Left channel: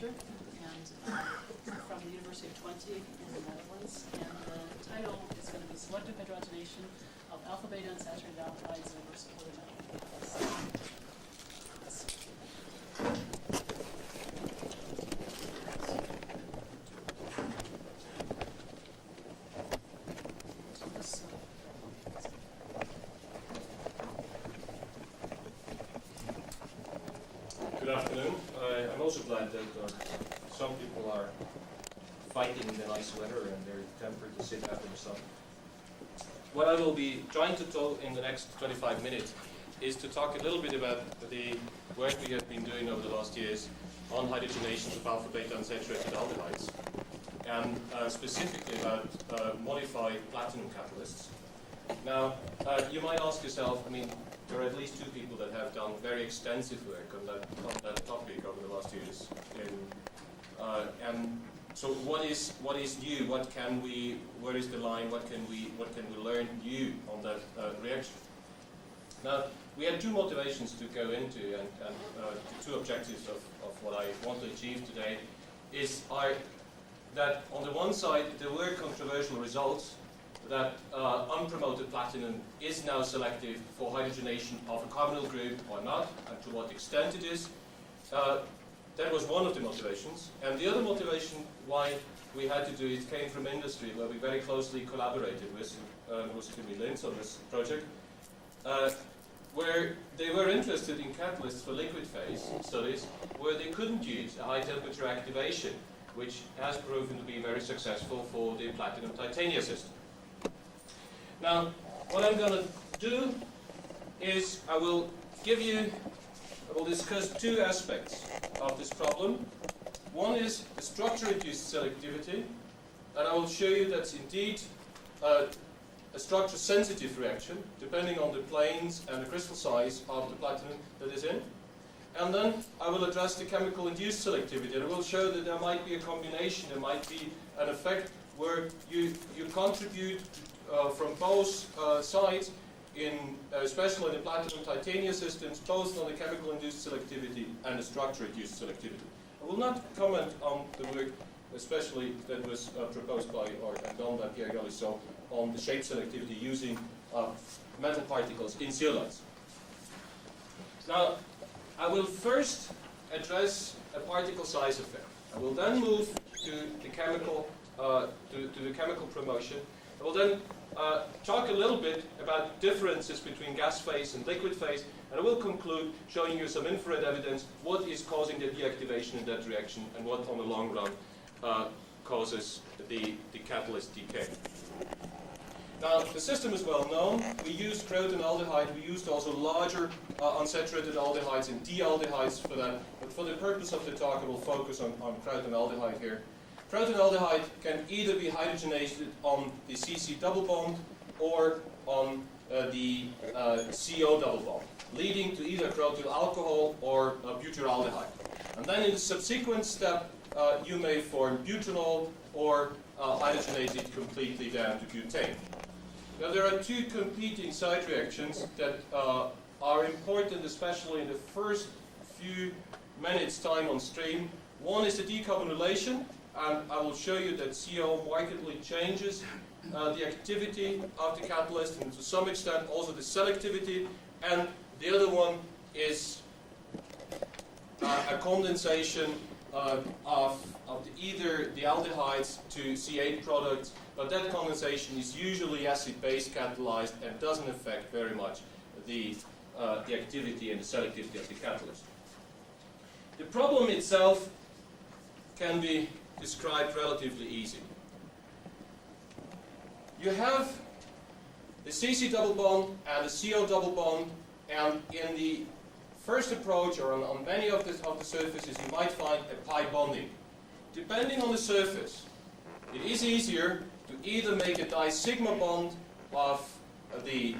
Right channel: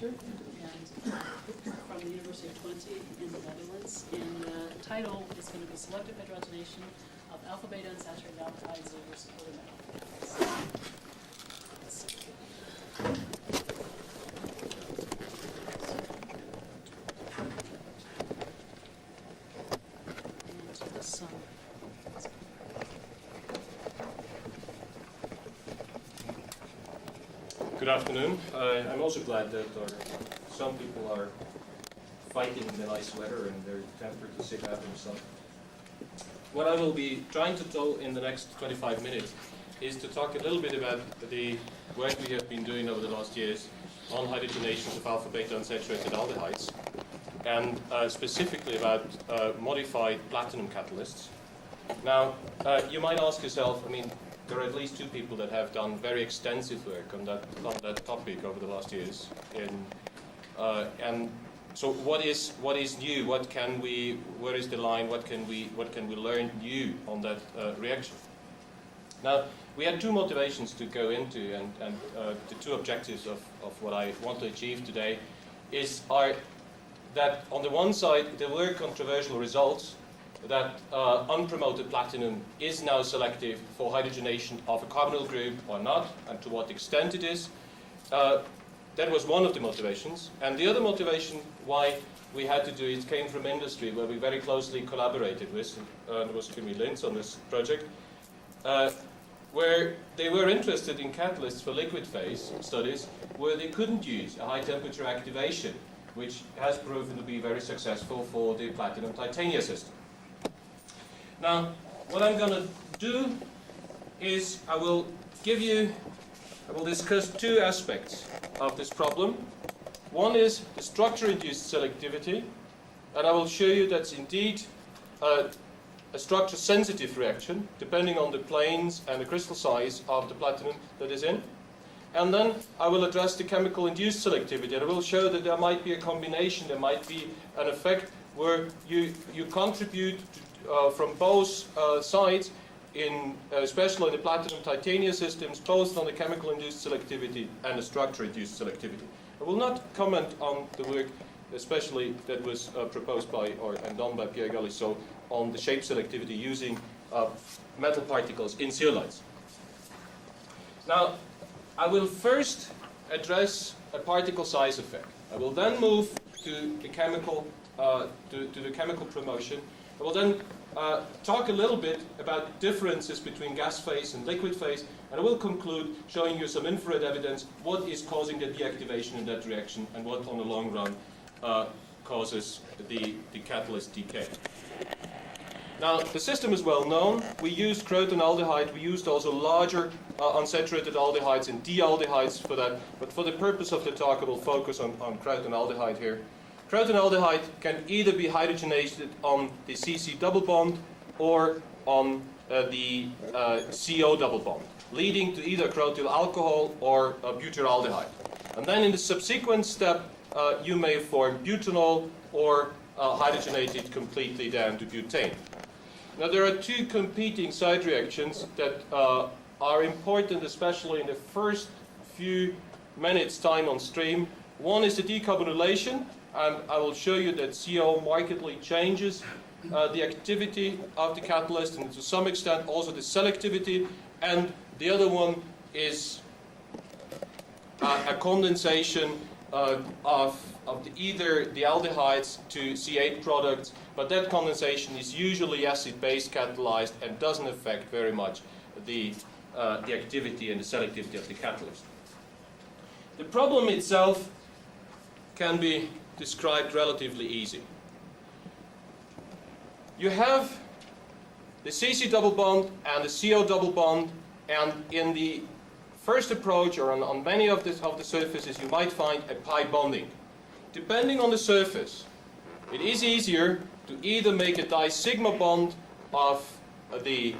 Lercher, and from the University of Twente in the Netherlands. And the title is going to be Selective Hydrogenation of Alpha-Beta Unsaturated Aldehydes over Supported Metal. And this Good afternoon. I'm also glad that some people are fighting the nice weather and they're tempered to sit out in the sun. What I will be trying to do in the next 25 minutes is to talk a little bit about the work we have been doing over the last years on hydrogenations of alpha-beta unsaturated aldehydes, and specifically about modified platinum catalysts. Now, you might ask yourself, I mean, there are at least two people that have done very extensive work on that topic over the last years. And so, what is new? Where is the line? What can we learn new on that reaction? Now, we had two motivations to go into, and the two objectives of what I want to achieve today are that on the one side there were controversial results that unpromoted platinum is now selective for hydrogenation of a carbonyl group or not, and to what extent it is. That was one of the motivations. And the other motivation why we had to do it came from industry, where we very closely collaborated with, and it was Jimmy Linz on this project, where they were interested in catalysts for liquid phase studies where they couldn't use a high temperature activation, which has proven to be very successful for the platinum titania system. Now, what I'm going to do is I will discuss two aspects of this problem. One is the structure-induced selectivity, and I will show you that's indeed a structure-sensitive reaction, depending on the planes and the crystal size of the platinum that is in. And then I will address the chemical-induced selectivity, and I will show that there might be a combination, there might be an effect where you contribute from both sides, especially in the platinum titania systems, both on the chemical-induced selectivity and the structure-induced selectivity. I will not comment on the work, especially that was proposed by and done by Pierre Galissot on the shape selectivity using metal particles in zeolites. Now, I will first address a particle size effect. I will then move to the chemical promotion. I will then talk a little bit about differences between gas phase and liquid phase, and I will conclude showing you some infrared evidence what is causing the deactivation in that reaction and what on the long run causes the catalyst decay. Now, the system is well known. We used crotonaldehyde. We used also larger unsaturated aldehydes and dealdehydes for that. But for the purpose of the talk, I will focus on crotonaldehyde here. Crotonaldehyde can either be hydrogenated on the CC double bond or on the CO double bond, leading to either crotyl alcohol or butyraldehyde. And then in the subsequent step, you may form butanol or hydrogenate it completely down to butane. Now, there are two competing side reactions that are important, especially in the first few minutes time on stream. One is the decarbonylation, and I will show you that CO markedly changes the activity of the catalyst and to some extent also the selectivity. And the other one is a condensation of either the aldehydes to C8 products, but that condensation is usually acid-base catalyzed and doesn't affect very much the activity and the selectivity of the catalyst. The problem itself can be described relatively easy. You have the CC double bond and the CO double bond, and in the first approach or on many of the surfaces you might find a pi bonding. Depending on the surface, it is easier to either make a di-sigma bond of the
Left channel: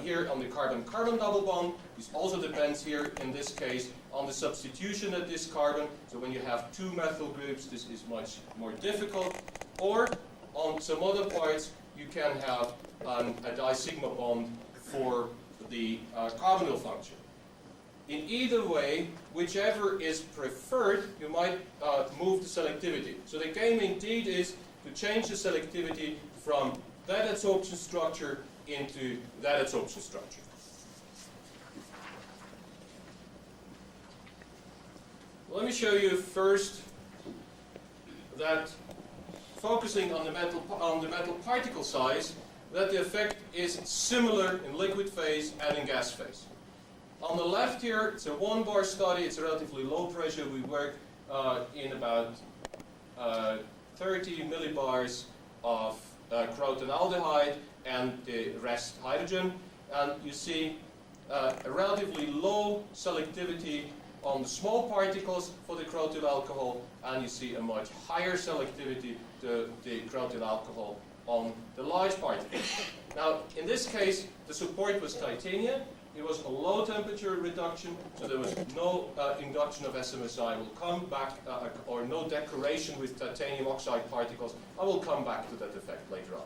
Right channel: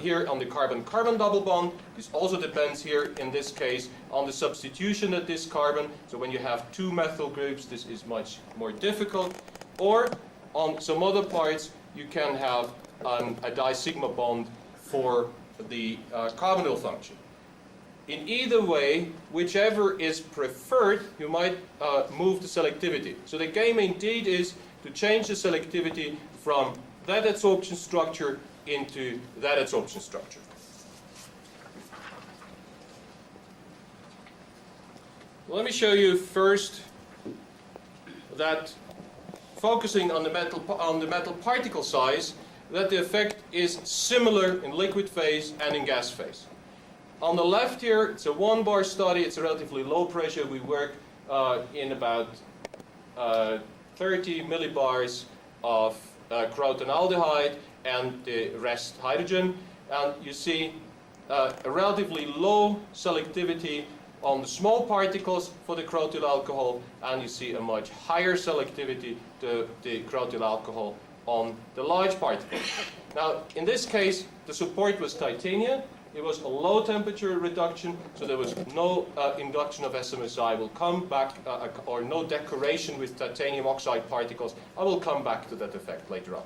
here on the carbon-carbon double bond. This also depends here in this case on the substitution of this carbon. So when you have two methyl groups, this is much more difficult. Or on some other parts, you can have a di-sigma bond for the carbonyl function. in either way, whichever is preferred, you might move the selectivity. So the game indeed is to change the selectivity from that adsorption structure into that adsorption structure. Well, let me show you first that focusing on the metal particle size, that the effect is similar in liquid phase and in gas phase. On the left here, it's a 1-bar study. It's a relatively low pressure. We work in about 30 millibars of crotonaldehyde and the rest hydrogen. And you see a relatively low selectivity on the small particles for the crotyl alcohol, and you see a much higher selectivity to the crotyl alcohol on the large particles. Now, in this case, the support was titania. It was a low temperature reduction, so there was no induction of SMSI. I will come back, or no decoration with titanium oxide particles. I will come back to that effect later on.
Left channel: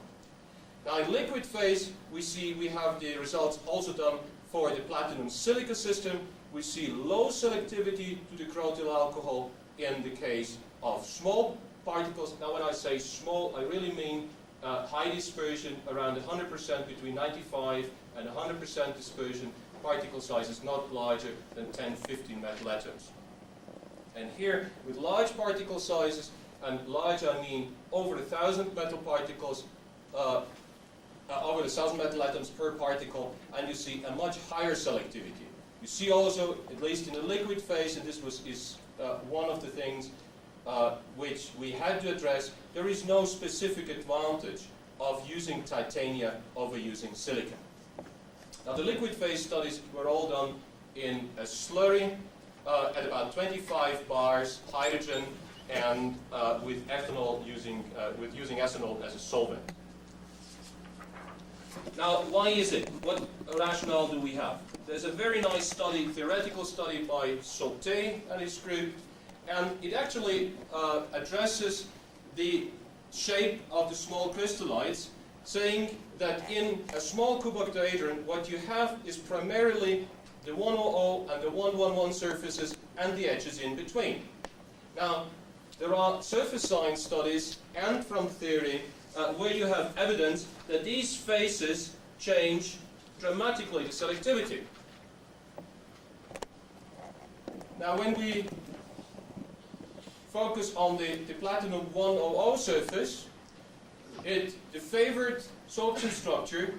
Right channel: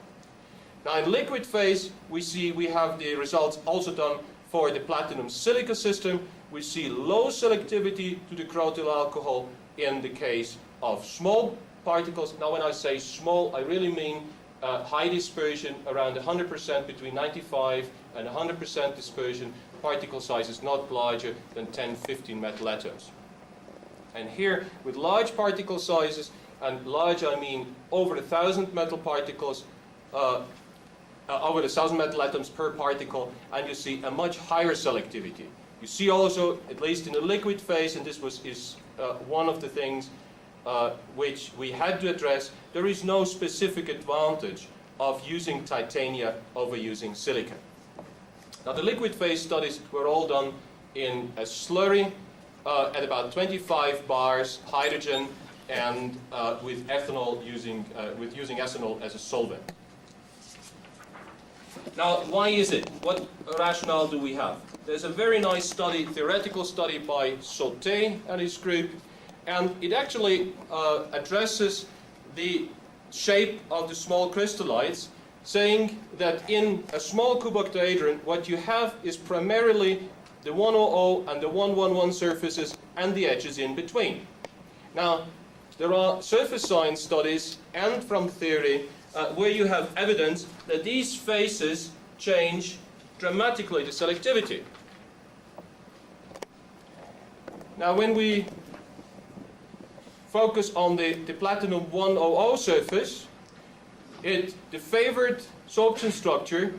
Now, in liquid phase, we have the results also done for the platinum silica system. We see low selectivity to the crotyl alcohol in the case of small particles. Now, when I say small, I really mean high dispersion, around 100%, between 95 and 100% dispersion, particle sizes not larger than 10, 15 metal atoms. And here, with large particle sizes, and large I mean over 1,000 metal particles, over 1,000 metal atoms per particle, and you see a much higher selectivity. You see also, at least in the liquid phase, and this is one of the things which we had to address, there is no specific advantage of using titania over using silicon. Now, the liquid phase studies were all done in a slurry at about 25 bars hydrogen, and with ethanol using ethanol as a solvent. Now, why is it? What rationale do we have? There's a very nice study, theoretical study by Sauté and his group, and it actually addresses the shape of the small crystallites, saying that in a small cuboctahedron, what you have is primarily the 100 and the 111 surfaces and the edges in between. Now, there are surface science studies and from theory where you have evidence that these phases change dramatically the selectivity. Now, when we focus on the platinum 100 surface, the favored sorption structure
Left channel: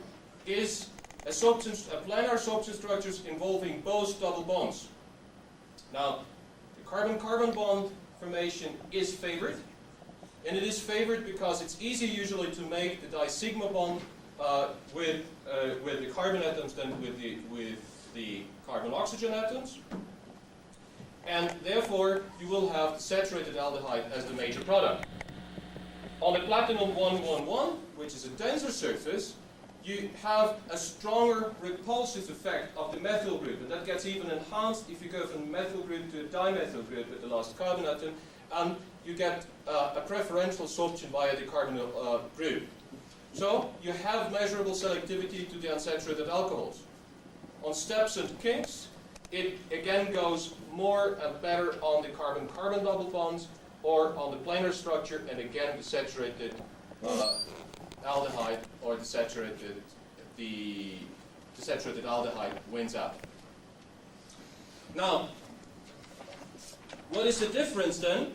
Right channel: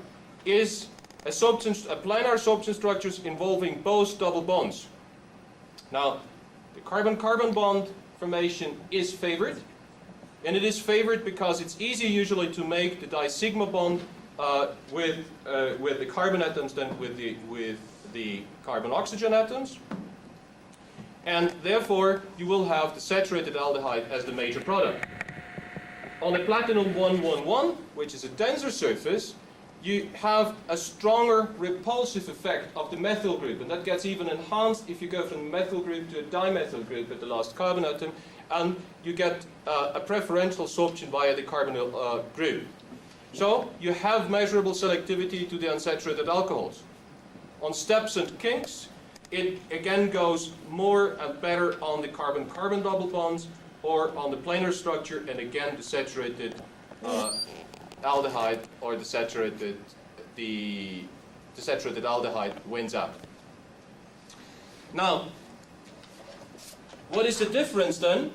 is a planar sorption structures involving both double bonds. Now, the carbon-carbon bond formation is favored, and it is favored because it's easier usually to make the di-sigma bond with the carbon atoms than with the carbon-oxygen atoms. And therefore, you will have the saturated aldehyde as the major product. On the platinum 111, which is a denser surface, you have a stronger repulsive effect of the methyl group, and that gets even enhanced if you go from a methyl group to a dimethyl group at the last carbon atom, and you get a preferential sorption via the carbonyl group. So you have measurable selectivity to the unsaturated alcohols. On steps and kinks, it again goes more and better on the carbon-carbon double bonds or on the planar structure, and again the saturated aldehyde or the saturated aldehyde wins out. Now, what is the difference then?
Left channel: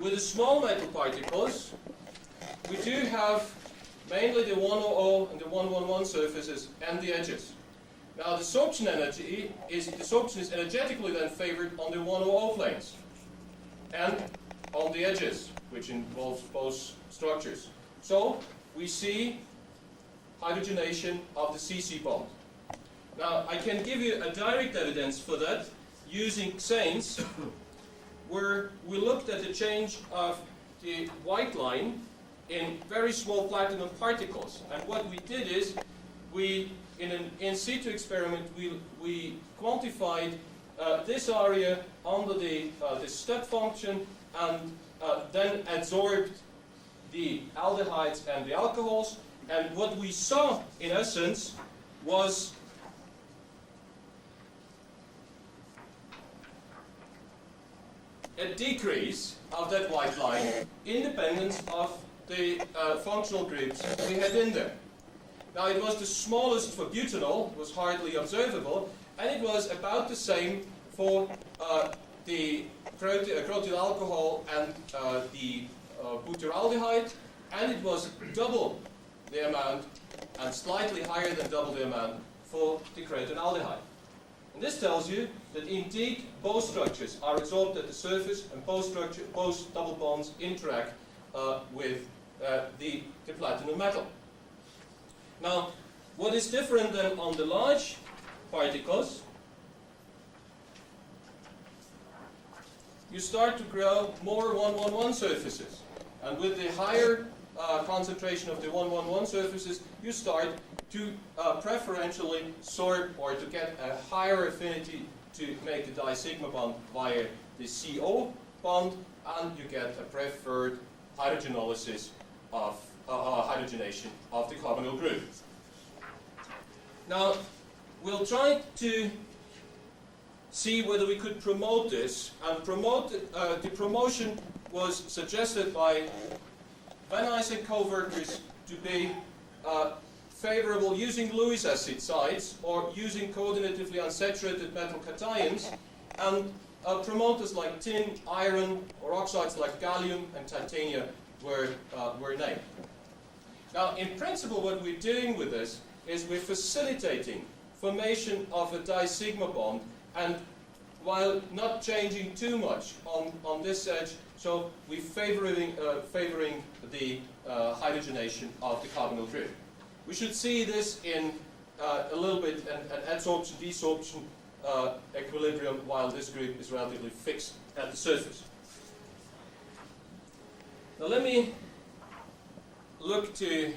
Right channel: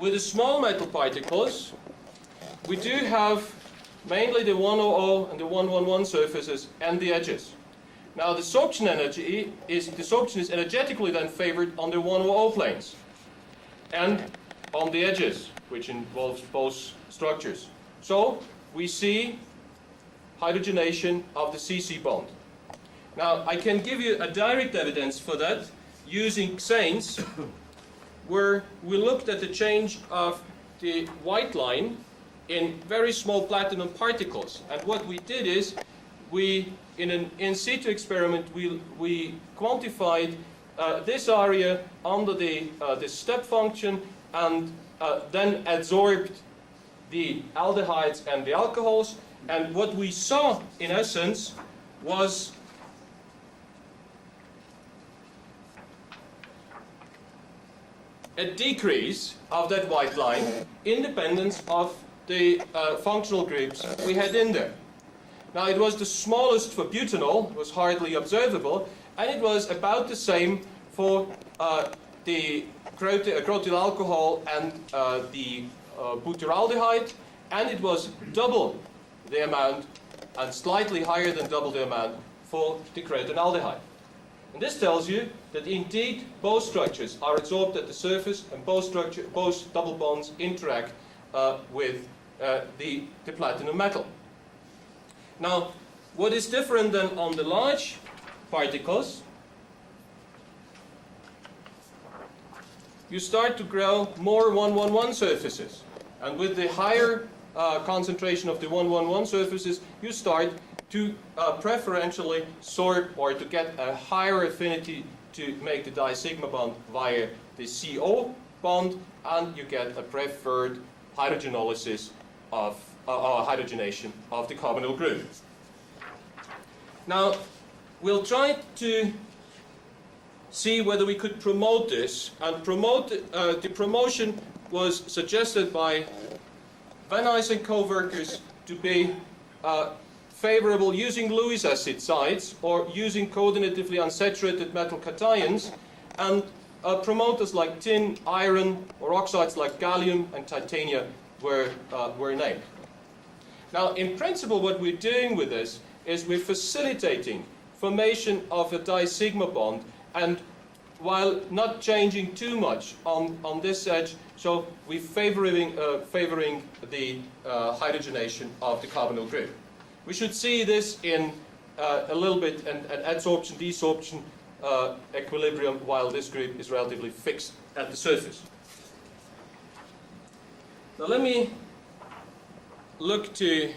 With the small metal particles, we do have mainly the 100 and the 111 surfaces and the edges. Now, the sorption is energetically then favored on the 100 planes and on the edges, which involves both structures. So we see hydrogenation of the CC bond. Now, I can give you a direct evidence for that using xanes, where we looked at the change of the white line in very small platinum particles. And what we did is, in an in situ experiment, we quantified this area under the step function, and then adsorbed the aldehydes and the alcohols. And what we saw, in essence, was a decrease of that white line independent of the functional groups we had in there. Now it was the smallest for butanol, was hardly observable, and it was about the same for the crotyl alcohol and the butyraldehyde, and it was double the amount and slightly higher than double the amount for the cretonaldehyde. And this tells you that indeed both structures are absorbed at the surface, and both double bonds interact with the platinum metal. Now, what is different than on the large particles, you start to grow more 1,1,1 surfaces. And with the higher concentration of the 1,1,1 surfaces, you start to preferentially sort or to get a higher affinity to make the disigma bond via the CO bond, and you get a preferred hydrogenolysis of hydrogenation of the carbonyl group. Now, we'll try to see whether we could promote this, and the promotion was suggested by Van Nuys and co-workers to be favorable using Lewis acid sites or using coordinatively unsaturated metal cations, and promoters like tin, iron, or oxides like gallium and titania were named. Now, in principle, what we're doing with this is we're facilitating formation of a disigma bond, and while not changing too much on this edge, so we're favoring the hydrogenation of the carbonyl group. We should see this in a little bit an adsorption-desorption equilibrium, while this group is relatively fixed at the surface. Now let me look to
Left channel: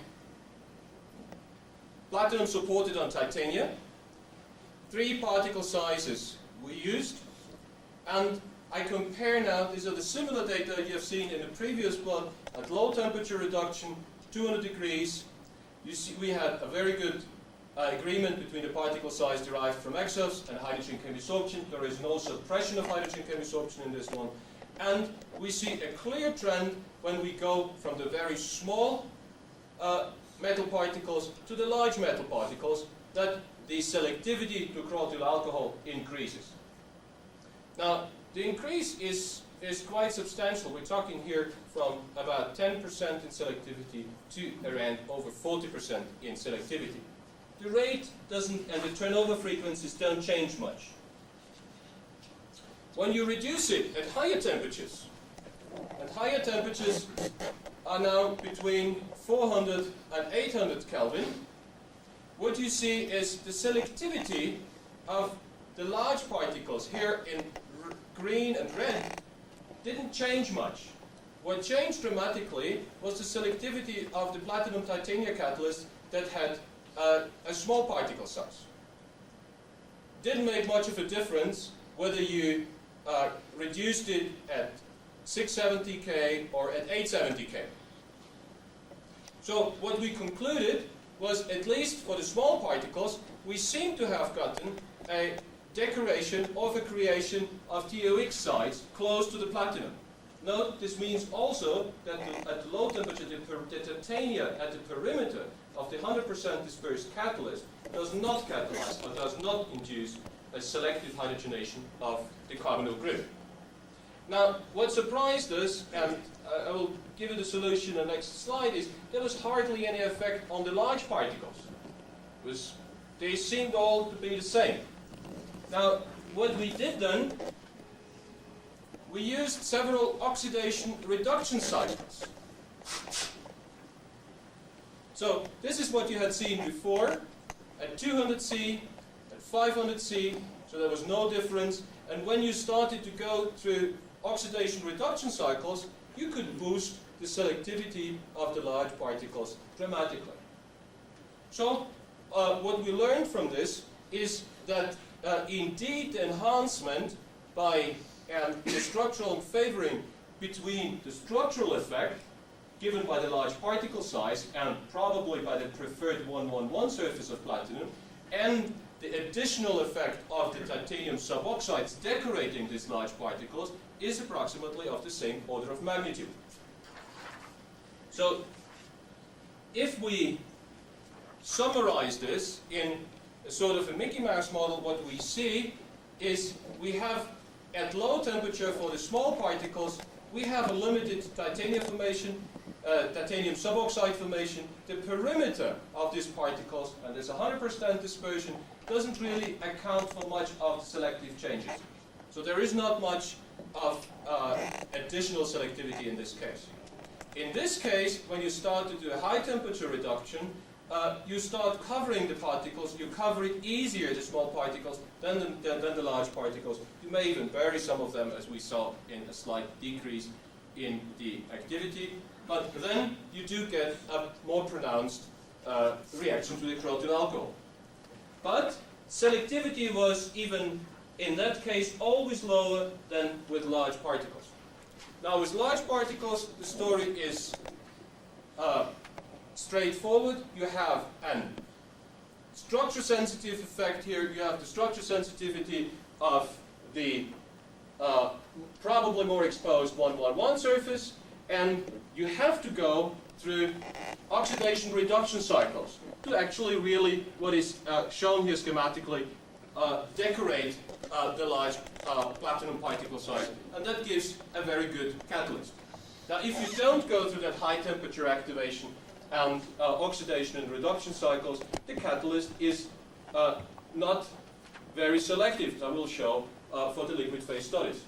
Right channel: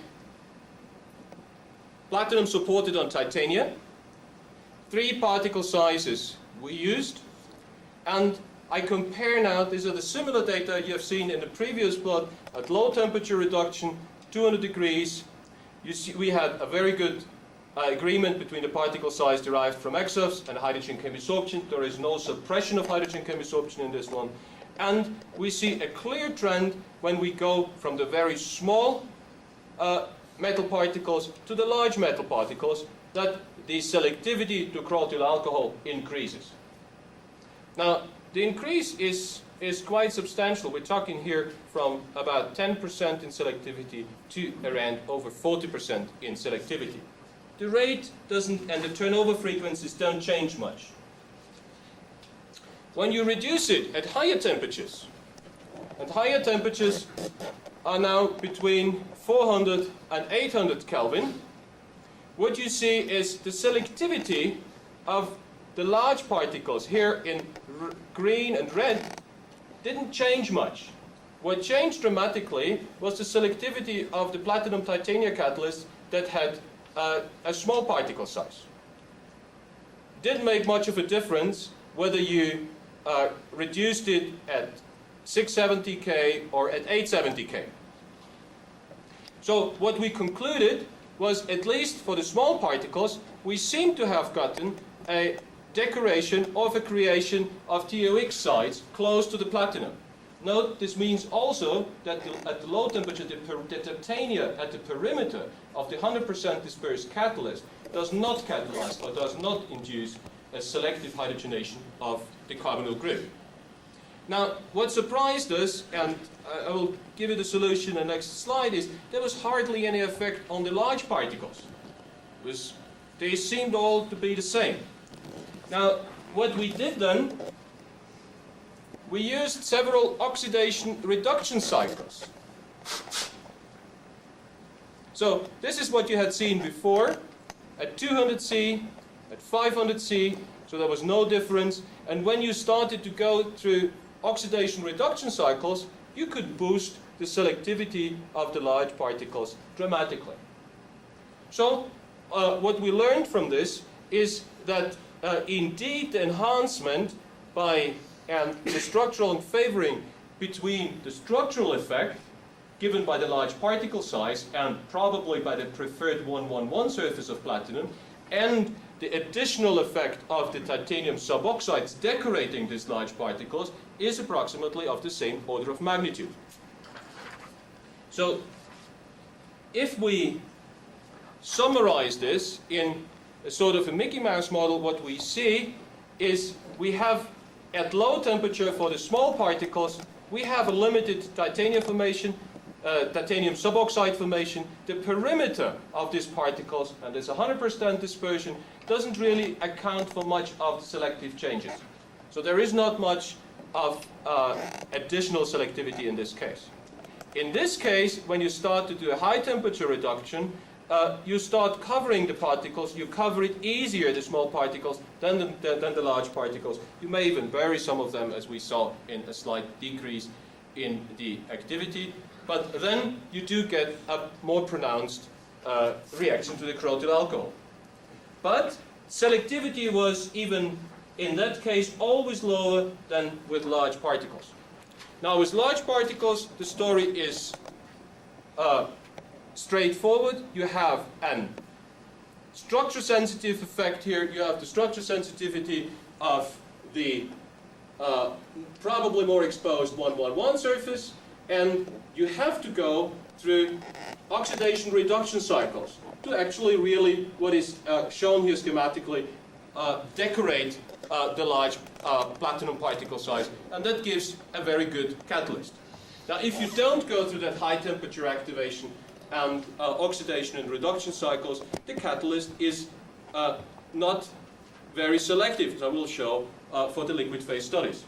platinum supported on titania. 3 particle sizes we used, and I compare now, these are the similar data you have seen in the previous plot, at low temperature reduction, 200 degrees. You see we had a very good agreement between the particle size derived from exofs and hydrogen chemisorption. There is no suppression of hydrogen chemisorption in this one. And we see a clear trend when we go from the very small metal particles to the large metal particles, that the selectivity to crotyl alcohol increases. Now, the increase is quite substantial. We're talking here from about 10% in selectivity to around over 40% in selectivity. The rate doesn't, and the turnover frequencies don't change much. When you reduce it at higher temperatures, and higher temperatures are now between 400 and 800 Kelvin, what you see is the selectivity of the large particles here in green and red didn't change much. What changed dramatically was the selectivity of the platinum titania catalyst that had a small particle size. Didn't make much of a difference whether you reduced it at 670 K or at 870 K. So what we concluded was, at least for the small particles, we seem to have gotten a decoration of a creation of TOX sites close to the platinum. Note, this means also that at the low temperature, the titania at the perimeter of the 100% dispersed catalyst does not catalyze or does not induce a selective hydrogenation of the carbonyl group. Now, what surprised us, and I will give you the solution in the next slide, is there was hardly any effect on the large particles. They seemed all to be the same. Now, what we did then, we used several oxidation reduction cycles. So this is what you had seen before, at 200 C, at 500 C, so there was no difference. And when you started to go through oxidation reduction cycles, you could boost the selectivity of the large particles dramatically. So what we learned from this is that indeed the enhancement by the structural favoring between the structural effect given by the large particle size and probably by the preferred 1,1,1 surface of platinum and the additional effect of the titanium suboxides decorating these large particles is approximately of the same order of magnitude. So if we summarize this in a sort of a Mickey Mouse model, what we see is we have at low temperature for the small particles, we have a limited titanium formation, titanium suboxide formation. The perimeter of these particles, and there's 100% dispersion, doesn't really account for much of the selective changes. So there is not much of additional selectivity in this case. In this case, when you start to do a high temperature reduction, you start covering the particles. You cover it easier, the small particles, than the large particles. You may even bury some of them, as we saw in a slight decrease in the activity. But then you do get a more pronounced reaction to the crotyl alcohol. But selectivity was, even in that case, always lower than with large particles. Now, with large particles, the story is straightforward. You have a structure-sensitive effect here. You have the structure sensitivity of the probably more exposed 1,1,1 surface, and you have to go through oxidation reduction cycles to actually really, what is shown here schematically, decorate the large platinum particle size, and that gives a very good catalyst. Now, if you don't go through that high temperature activation and oxidation and reduction cycles, the catalyst is not very selective, as I will show for the liquid phase studies.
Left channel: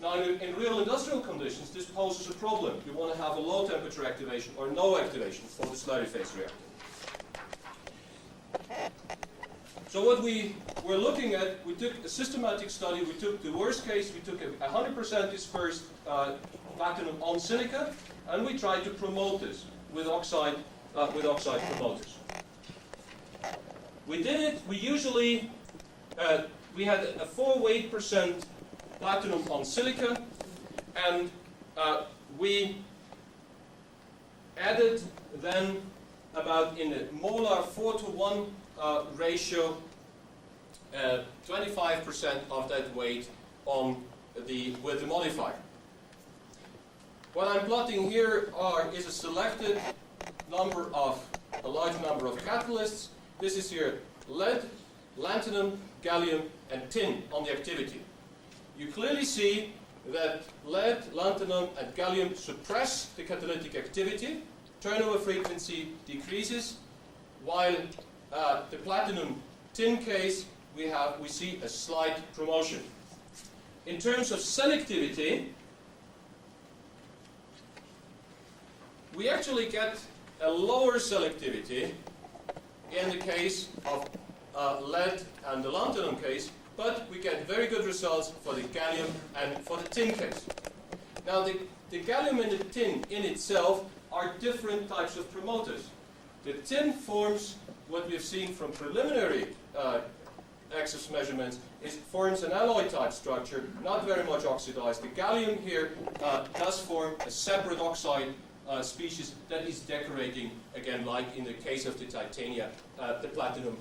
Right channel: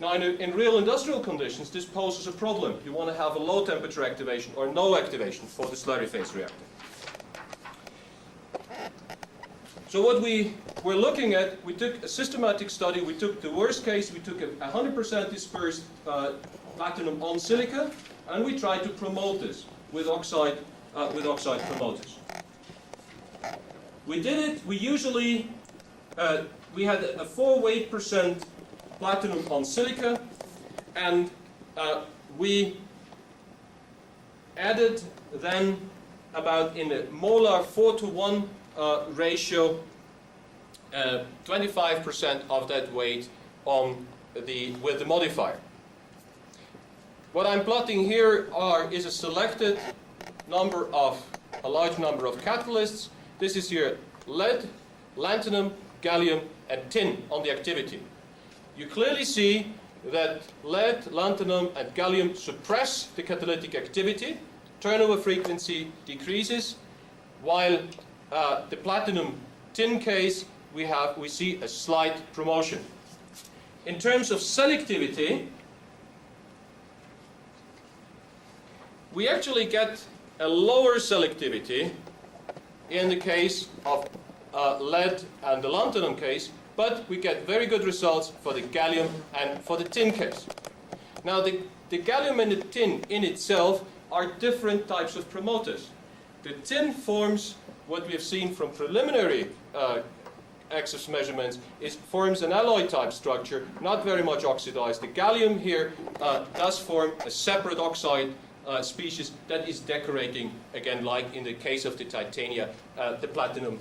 Now, in real industrial conditions, this poses a problem. You want to have a low temperature activation or no activation for the slurry phase reactor. So what we were looking at, we took a systematic study. We took the worst case. We took a 100% dispersed platinum on silica, and we tried to promote this with oxide promoters. We did it. We usually we had a 4 weight % platinum on silica, and we added then about in a molar 4:1 ratio 25% of that weight on with the modifier. What I'm plotting here is a selected a large number of catalysts. This is here lead, lanthanum, gallium, and tin on the activity. You clearly see that lead, lanthanum, and gallium suppress the catalytic activity. Turnover frequency decreases, while the platinum tin case we see a slight promotion. In terms of selectivity, we actually get a lower selectivity in the case of lead and the lanthanum case, but we get very good results for the gallium and for the tin case. Now, the gallium and the tin in itself are different types of promoters. The tin forms what we've seen from preliminary excess measurements, forms an alloy type structure, not very much oxidized. The gallium here does form a separate oxide species that is decorating, again, like in the case of the titania, the platinum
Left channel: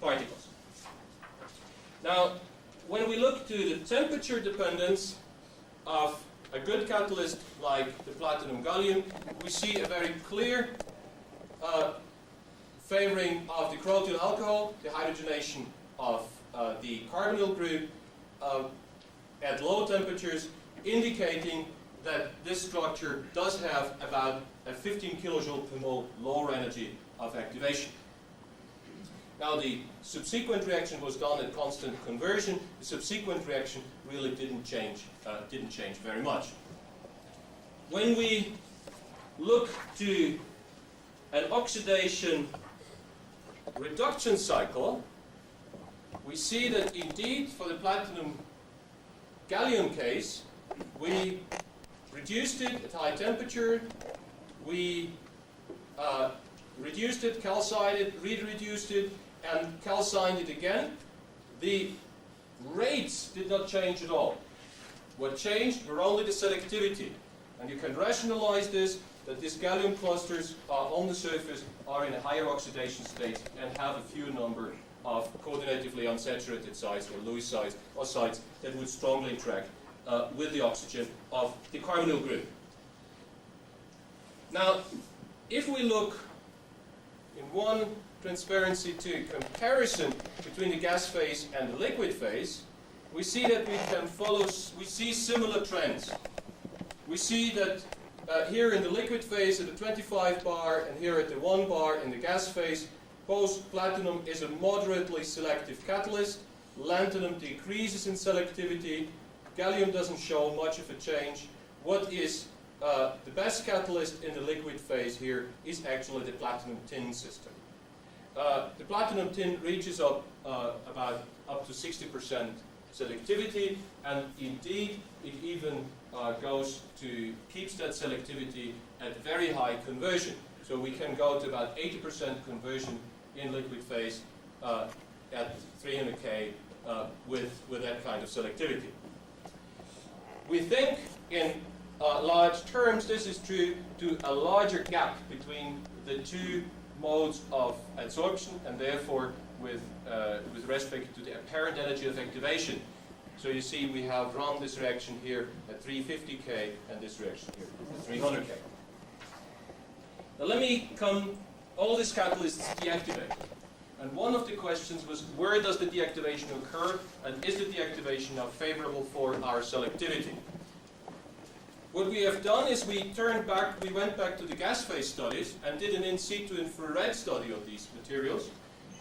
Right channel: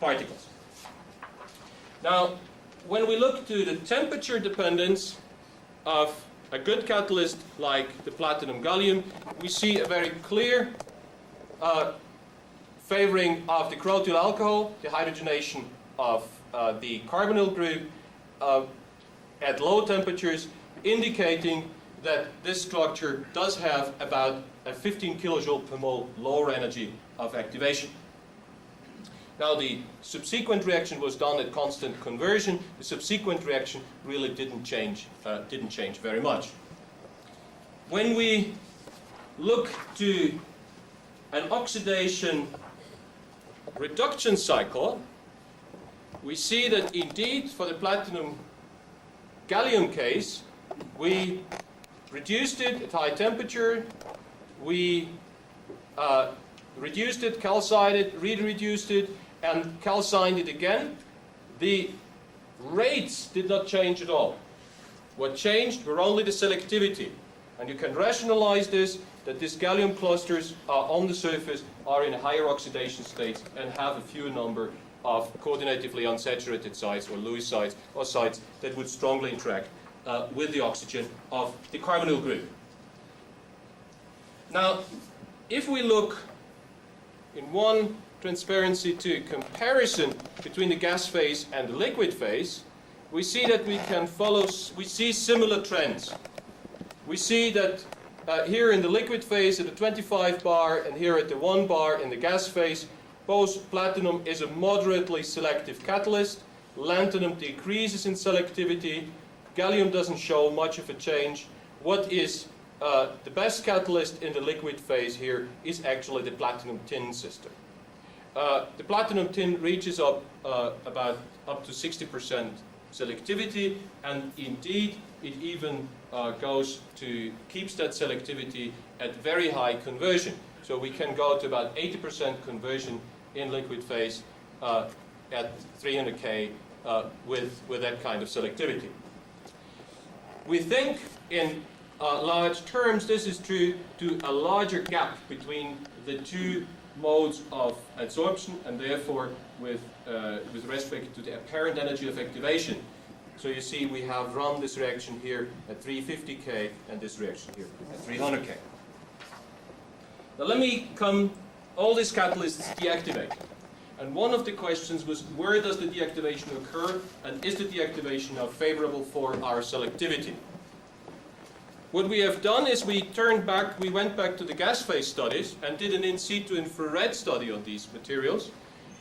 particles. Now, when we look to the temperature dependence of a good catalyst like the platinum gallium, we see a very clear favoring of the crotyl alcohol, the hydrogenation of the carbonyl group at low temperatures, indicating that this structure does have about a 15 kilojoule per mole lower energy of activation. Now, the subsequent reaction was done at constant conversion. The subsequent reaction really didn't change very much. When we look to an oxidation reduction cycle, we see that indeed for the platinum gallium case, we reduced it at high temperature, we reduced it, calcined it, re-reduced it, and calcined it again. The rates did not change at all. What changed were only the selectivity. And you can rationalize this, that these gallium clusters on the surface are in a higher oxidation state and have a fewer number of coordinatively unsaturated sites or Lewis sites or sites that would strongly interact with the oxygen of the carbonyl group. Now, if we look in one transparency to comparison between the gas phase and the liquid phase, we see that we see similar trends. We see that here in the liquid phase at the 25 bar and here at the 1 bar in the gas phase, both platinum is a moderately selective catalyst, lanthanum decreases in selectivity, gallium doesn't show much of a change. What is the best catalyst in the liquid phase here is actually the platinum tin system. The platinum tin reaches up to 60% selectivity, and indeed it even keeps that selectivity at very high conversion. So we can go to about 80% conversion in liquid phase at 300 K with that kind of selectivity. We think in large terms this is true to a larger gap between the two modes of adsorption and therefore with respect to the apparent energy of activation. So you see we have run this reaction here at 350 K and this reaction here at 300 K. Now let me all these catalysts deactivate. And one of the questions was, where does the deactivation occur, and is the deactivation now favorable for our selectivity? What we have done is we went back to the gas phase studies and did an in situ infrared study on these materials.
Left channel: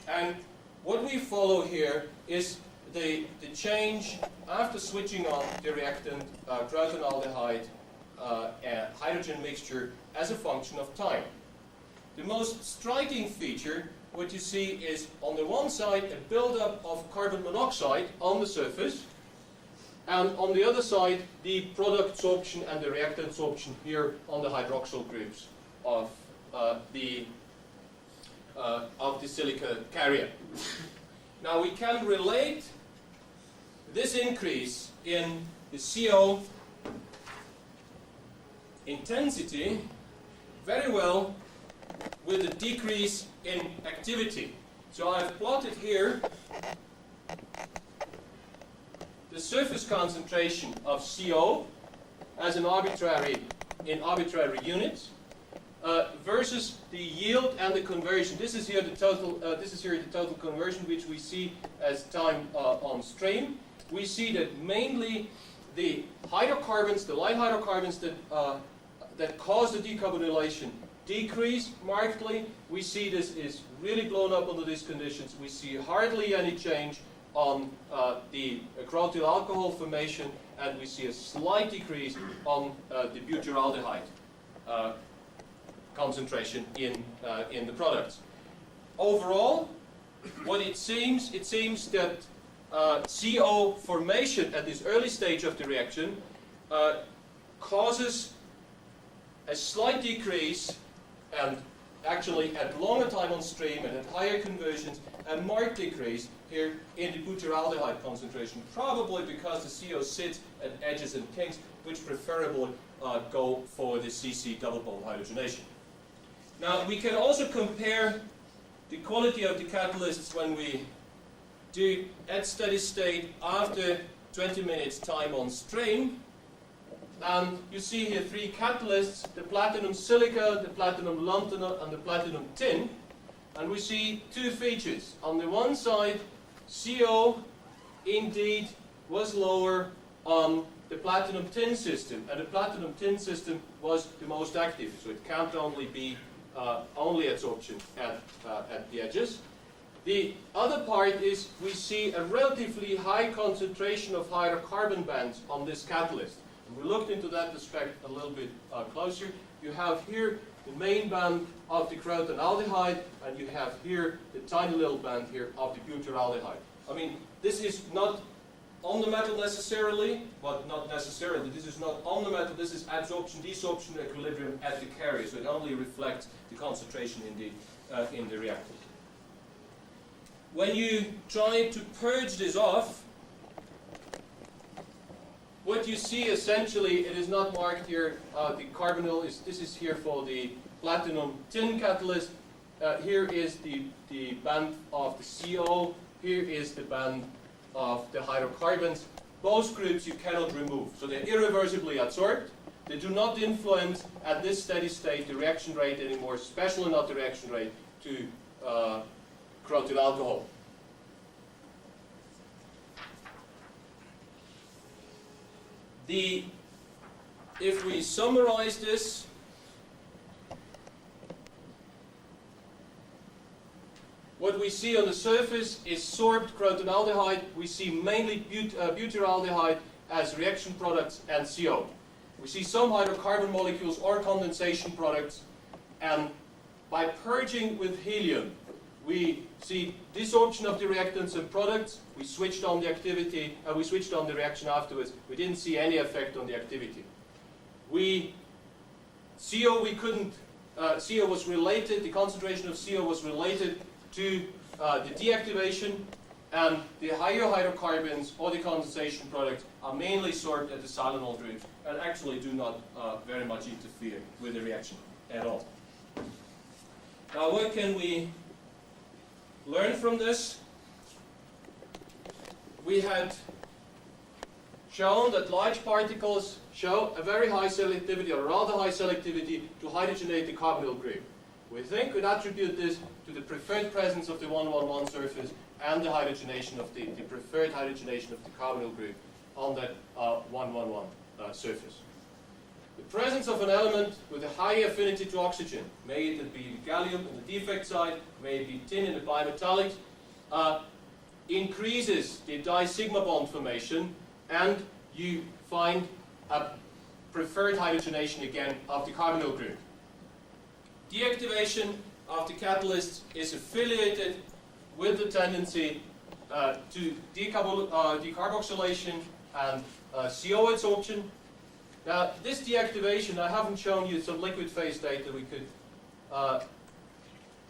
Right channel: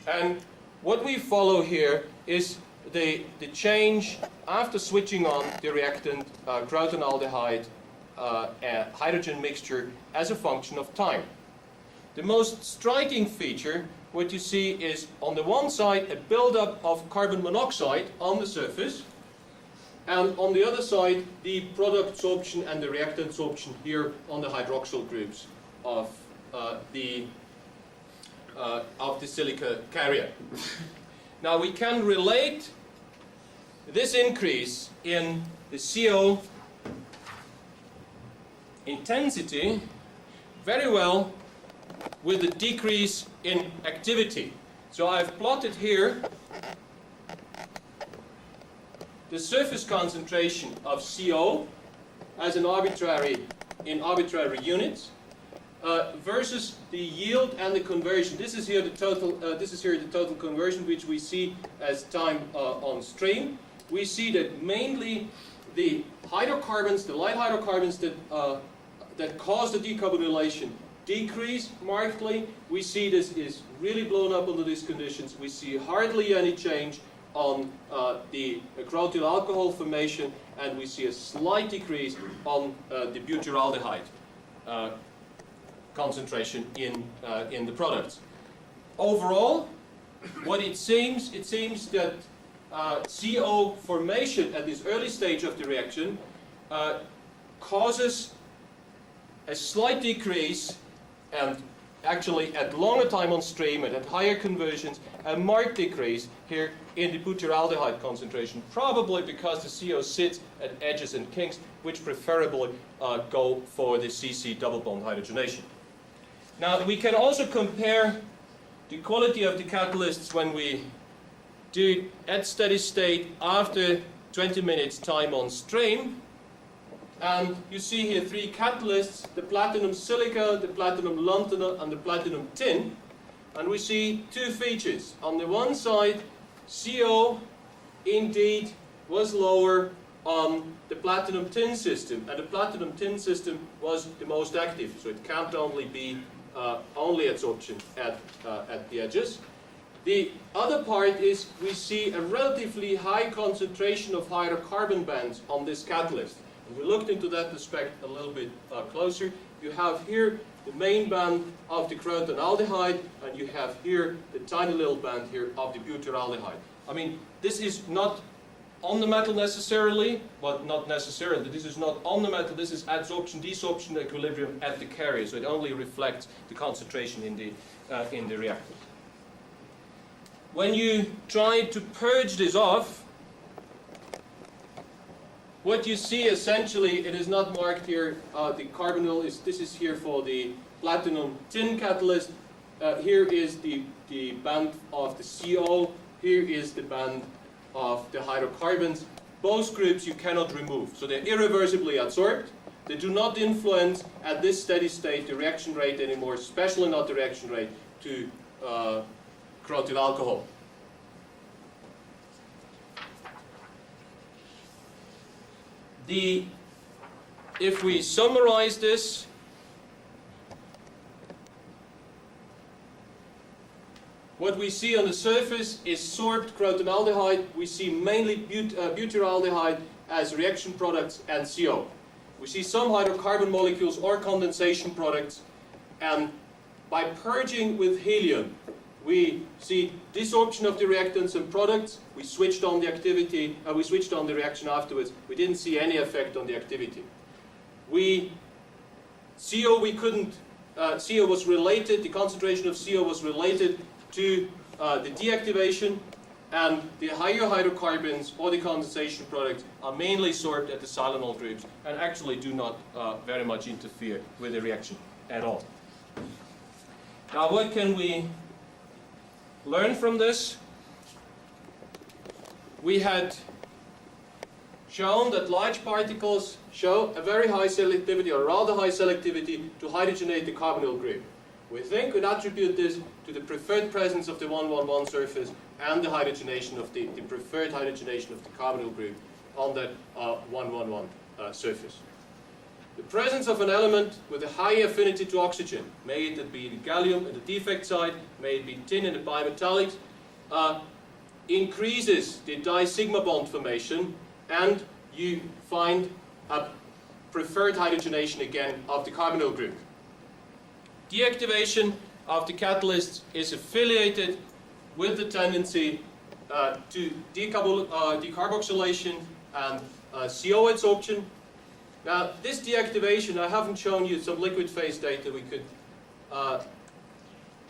And what we follow here is the change after switching on the reactant crotonaldehyde hydrogen mixture as a function of time. The most striking feature, what you see is on the one side a buildup of carbon monoxide on the surface, and on the other side the product sorption and the reactant sorption here on the hydroxyl groups of the silica carrier. Now we can relate this increase in the CO intensity very well with the decrease in activity. So I've plotted here the surface concentration of CO as an arbitrary units versus the yield and the conversion. This is here the total conversion, which we see as time on stream. We see that mainly the hydrocarbons, the light hydrocarbons that cause the decarbonylation decrease markedly. We see this is really blown up under these conditions. We see hardly any change on the crotyl alcohol formation, and we see a slight decrease on the butyraldehyde concentration in the products. Overall, what it seems that CO formation at this early stage of the reaction causes a slight decrease, and actually at longer time on stream and at higher conversions, a marked decrease here in the butyraldehyde concentration, probably because the CO sits at edges and kinks, which preferably go for the CC double bond hydrogenation. Now we can also compare the quality of the catalysts when we do at steady state after 20 minutes time on stream. And you see here three catalysts: the platinum silica, the platinum lanthanum, and the platinum tin. And we see two features. On the one side, CO indeed was lower on the platinum tin system, and the platinum tin system was the most active, so it can't only be only adsorption at the edges. The other part is we see a relatively high concentration of hydrocarbon bands on this catalyst. And we looked into that aspect a little bit closer. You have here the main band of the crotonaldehyde, and you have here the tiny little band here of the butyraldehyde. I mean, this is not on the metal necessarily, but not necessarily. This is not on the metal, this is adsorption, desorption equilibrium at the carrier, so it only reflects the concentration in the reactor. When you try to purge this off, what you see essentially, it is not marked here, the carbonyl this is here for the platinum tin catalyst. here is the band of the CO. Here is the band of the hydrocarbons. Both groups you cannot remove. So they're irreversibly adsorbed. They do not influence at this steady state the reaction rate anymore, especially not the reaction rate to crotyl alcohol. If we summarize this, what we see on the surface is sorbed crotonaldehyde. We see mainly butyraldehyde as reaction products and CO. We see some hydrocarbon molecules or condensation products, and by purging with helium, we see desorption of the reactants and products. We switched on the activity, we switched on the reaction afterwards. We didn't see any effect on the activity. CO was related, the concentration of CO was related to the deactivation, and the higher hydrocarbons or the condensation products are mainly sorbed at the silanol groups and actually do not very much interfere with the reaction at all. Now, what can we learn from this? We had shown that large particles show a very high selectivity, or rather high selectivity, to hydrogenate the carbonyl group. We think we'd attribute this to the preferred presence of the 1,1,1 surface and the hydrogenation of the preferred hydrogenation of the carbonyl group on that 1,1,1 surface. The presence of an element with a high affinity to oxygen, may it be the gallium at the defect side, may it be tin in the bimetallics, increases the di-sigma bond formation, and you find a preferred hydrogenation again of the carbonyl group. Deactivation of the catalysts is affiliated with the tendency to decarboxylation and CO adsorption. Now, this deactivation, I haven't shown you some liquid phase data we could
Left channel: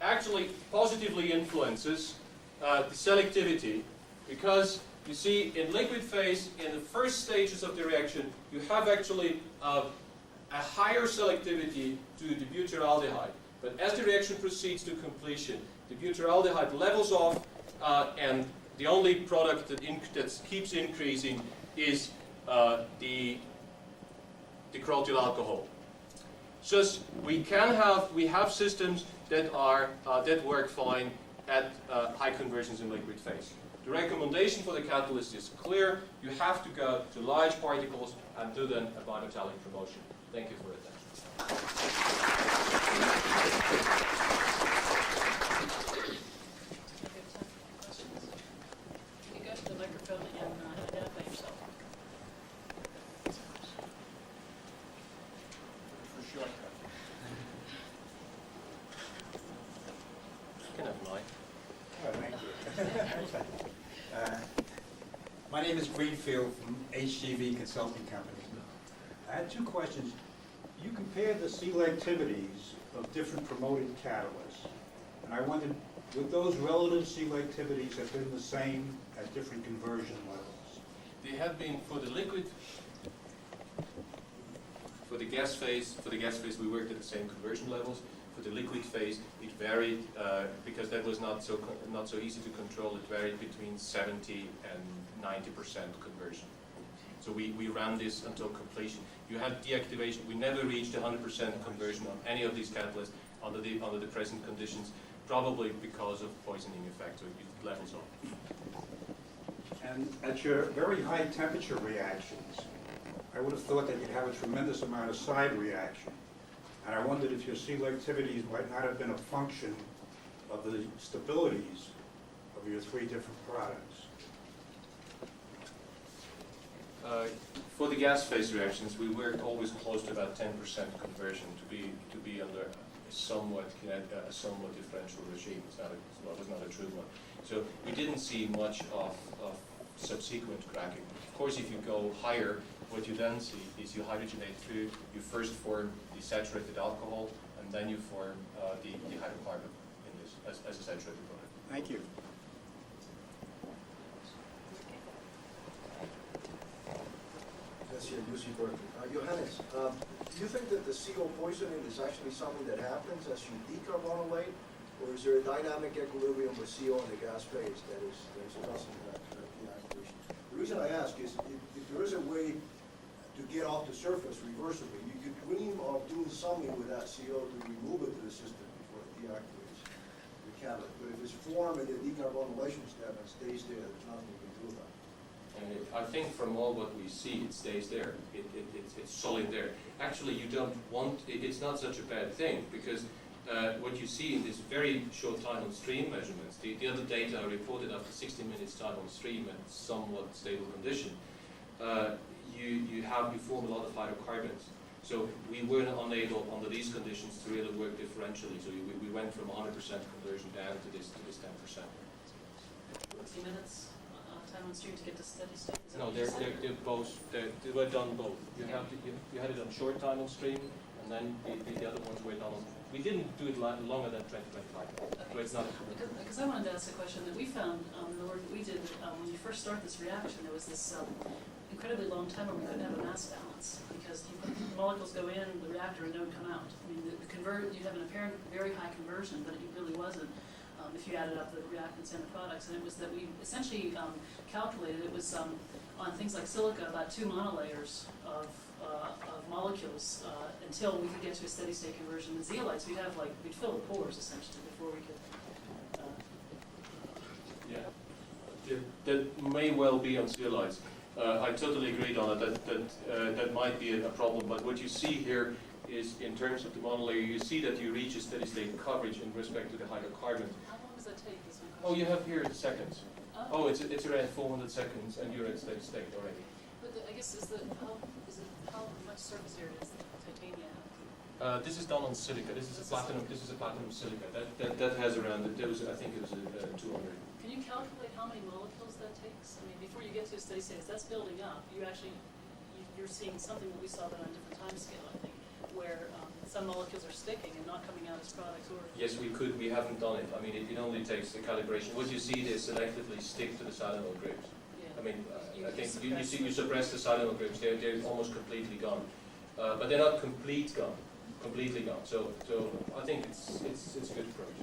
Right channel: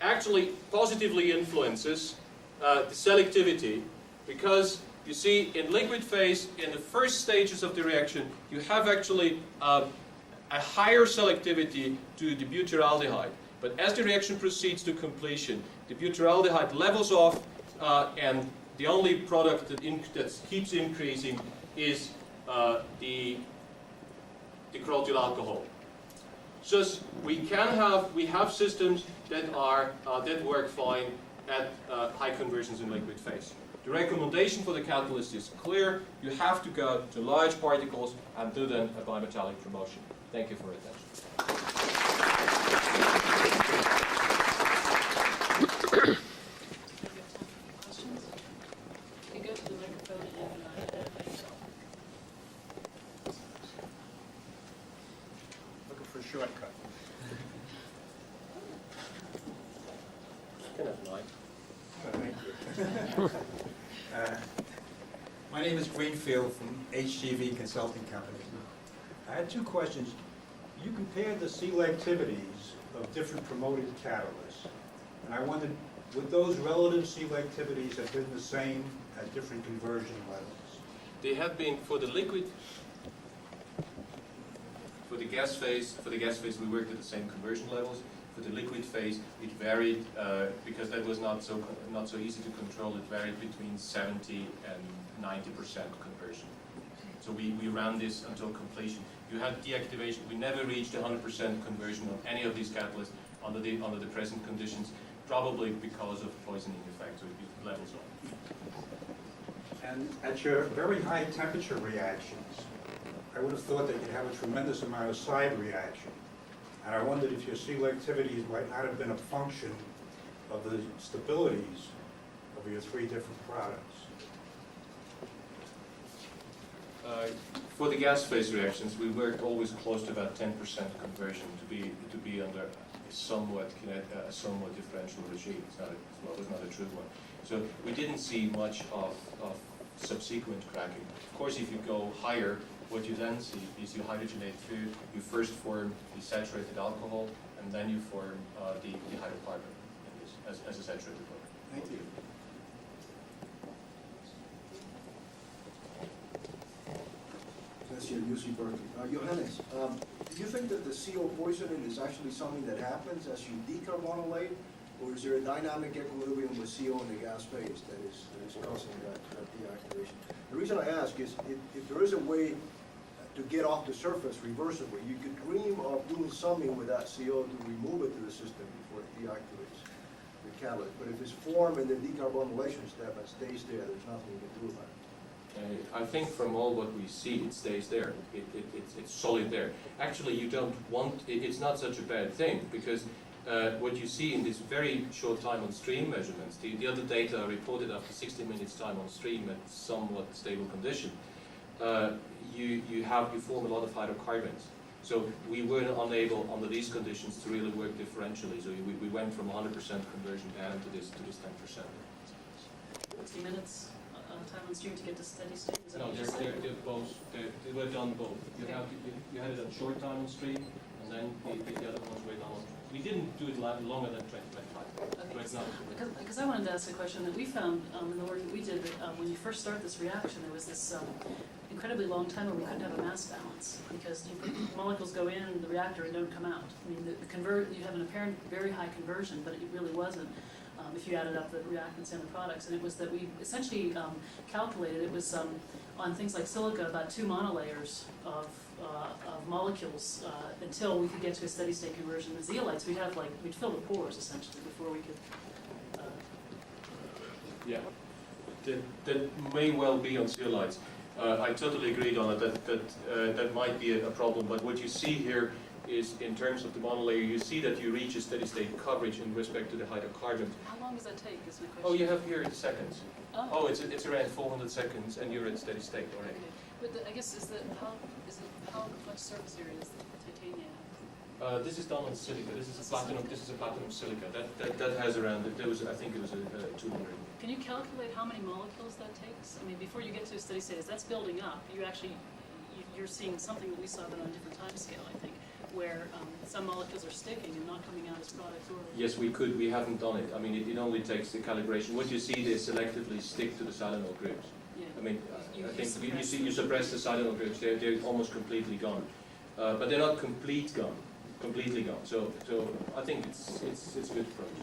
actually positively influences the selectivity, because you see in liquid phase, in the first stages of the reaction, you have actually a higher selectivity to the butyraldehyde. But as the reaction proceeds to completion, the butyraldehyde levels off, and the only product that keeps increasing is the crotyl alcohol. So we have systems that work fine at high conversions in liquid phase. The recommendation for the catalyst is clear. You have to go to large particles and do then a bimetallic promotion. Thank you for your attention. Do we have time for questions? You can go to the microphone and identify yourself. Looking for a shortcut. Can have mine. Oh, thank you. My name is Greenfield from HGV Consulting Company. I had two questions. You compared the selectivities of different promoted catalysts, and I wondered, would those relative selectivities have been the same at different conversion levels? They have been for the liquid, for the gas phase. For the gas phase, we worked at the same conversion levels. For the liquid phase, it varied because that was not so easy to control. It varied between 70 and 90% conversion. So we ran this until completion. You had deactivation. We never reached 100% conversion on any of these catalysts under the present conditions, probably because of poisoning effect. So it levels off. And at your very high temperature reactions, I would have thought that you'd have a tremendous amount of side reaction. And I wondered if your selectivities might not have been a function of the stabilities of your three different products. For the gas phase reactions, we worked always close to about 10% conversion to be under a somewhat differential regime. It was not a true one. So we didn't see much of subsequent cracking. Of course, if you go higher, what you then see is you hydrogenate through. You first form the saturated alcohol, and then you form the hydrocarbon in this as a saturated product. Thank you. That's here, UC Berkeley. Johannes, do you think that the CO poisoning is actually something that happens as you decarbonylate, Or is there a dynamic equilibrium with CO in the gas phase that is causing that deactivation? The reason I ask is if there is a way to get off the surface reversibly, you could dream of doing something with that CO to remove it to the system before it deactivates the catalyst. But if it's formed in the decarbonylation step and stays there, there's nothing you can do about it. I think from all what we see, it stays there. It's solid there. Actually, you don't want, it's not such a bad thing, because what you see in this very short time on stream measurements, the other data are reported after 60 minutes time on stream at somewhat stable condition, you form a lot of hydrocarbons. So we were unable under these conditions to really work differentially. So we went from 100% conversion down to this 10%. 60 minutes time on stream to get to steady state? Is that No, what you said? they're both. They were done both. You had it on short time on stream, and then the other ones were done on. We didn't do it longer than 2025. Okay. So it's not. Because I wanted to ask a question that we found in the work that we did, that when you first start this reaction, there was this incredibly long time where we couldn't have a mass balance, because the molecules go in the reactor and don't come out. I mean, you have an apparent very high conversion, but it really wasn't if you added up the reactants and the products. And it was that we essentially calculated, it was on things like silica, about 2 monolayers of molecules until we could get to a steady state conversion. The zeolites, we'd fill the pores essentially before we could. Yeah, that may well be on zeolites. I totally agreed on it. That might be a problem. But what you see here is, in terms of the monolayer, you see that you reach a steady state coverage in respect to the hydrocarbons. How long does that take? Is my question. Oh, you have here the seconds. Oh. Oh, it's around 400 seconds, and you're at steady state already. Okay. But I guess how much surface area does the titania have? This is done on silica. This is a platinum. This is a platinum silica. That has around. I think it was a 200. Can you calculate how many molecules that takes? I mean, before you get to a steady state, as that's building up, you're seeing something that we saw, but on a different time scale, I think, where some molecules are sticking and not coming out as products. Or Yes, we could. We haven't done it. I mean, it only takes the calibration. What you see, they selectively stick to the silanol groups. yeah. I mean, You I think suppress you suppress the silanol groups. They're almost completely gone, but they're not completely gone. So I think it's a good approach.